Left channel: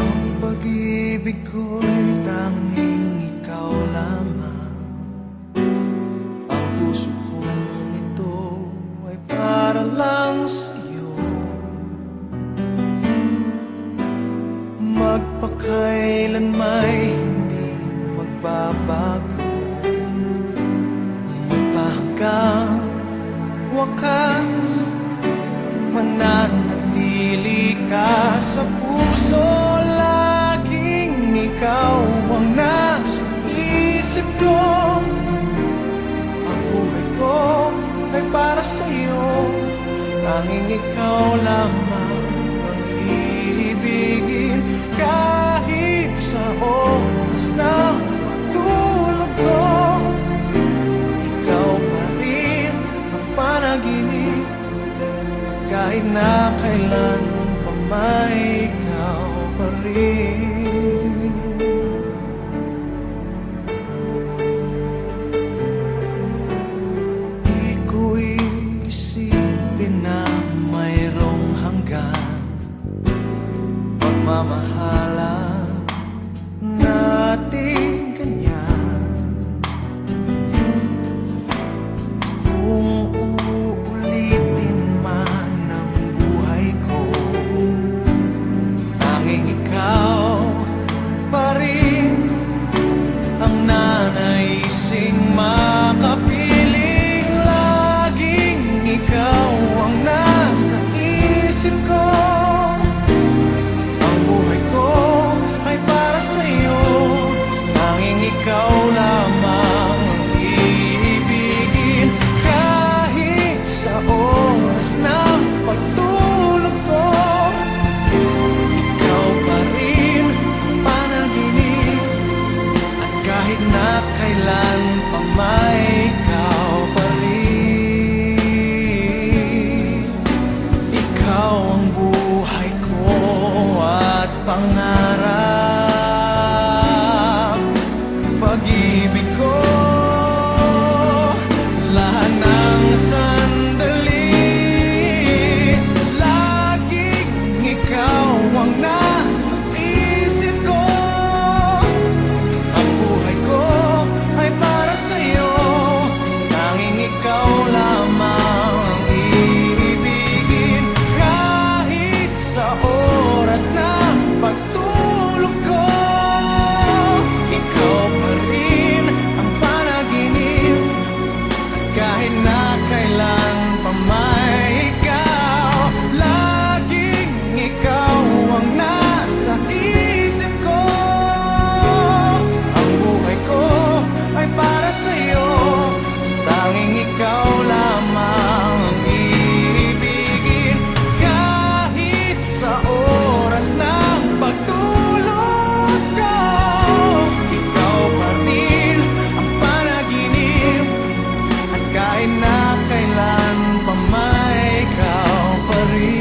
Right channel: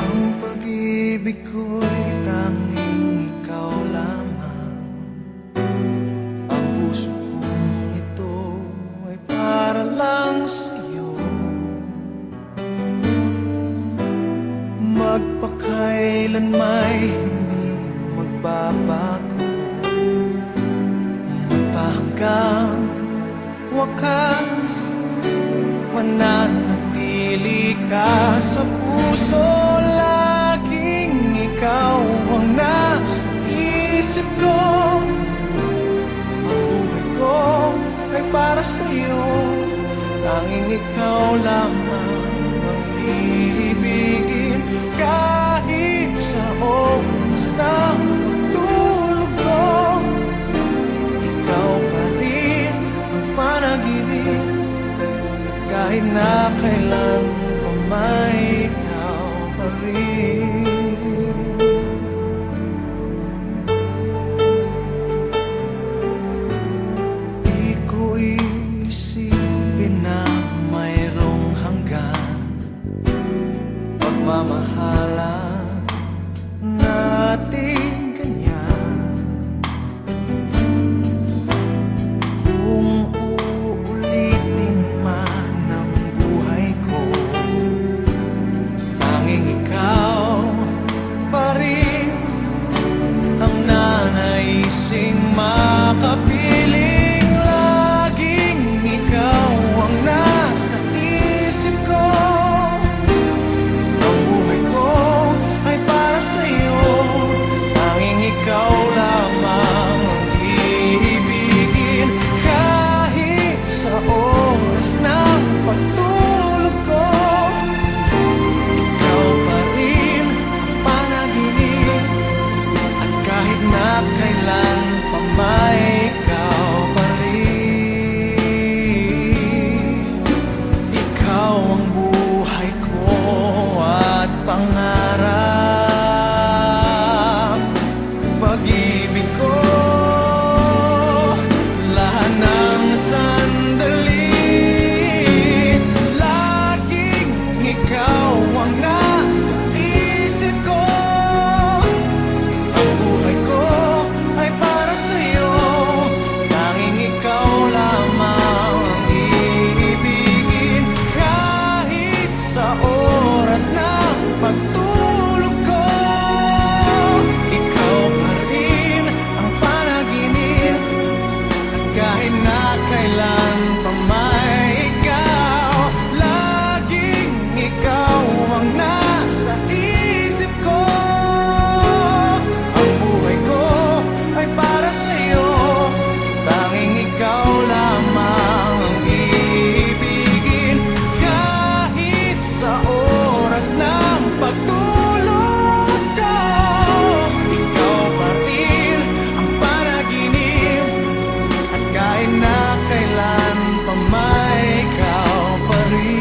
Ang pag-ibig ko'y tanging ikaw lamang. Ang puso kong ito ay para lang sa'yo. Magpakailan may hindi magbabago. Magpahanggang wakas Mananatili ka sa puso Laging ikaw ang nasa isip ko. Ang buhay ko ay para sa'yo. Tanging ikaw lamang ang iibigin. Kahit sa oras ng pagtulog ko Ikaw pa rin ang panaginip kahit na kailan pa may ikaw pa rin. Di ko isipin na mayroong hanggan. Pagmamahalan natin Tanging ikaw pa rin Ang nanaising makapiling. Laging ikaw ang nasa isip ko. Ang buhay ko ay para sa'yo. Tanging ikaw lamang ang iibigin. Kahit sa oras ng pagtulog kahit na kailan pa may ikaw pa rin. Ikaw ang buhay ko at pangarap. Pag-ibig ko Lahat ng sandali na ikaw pa rin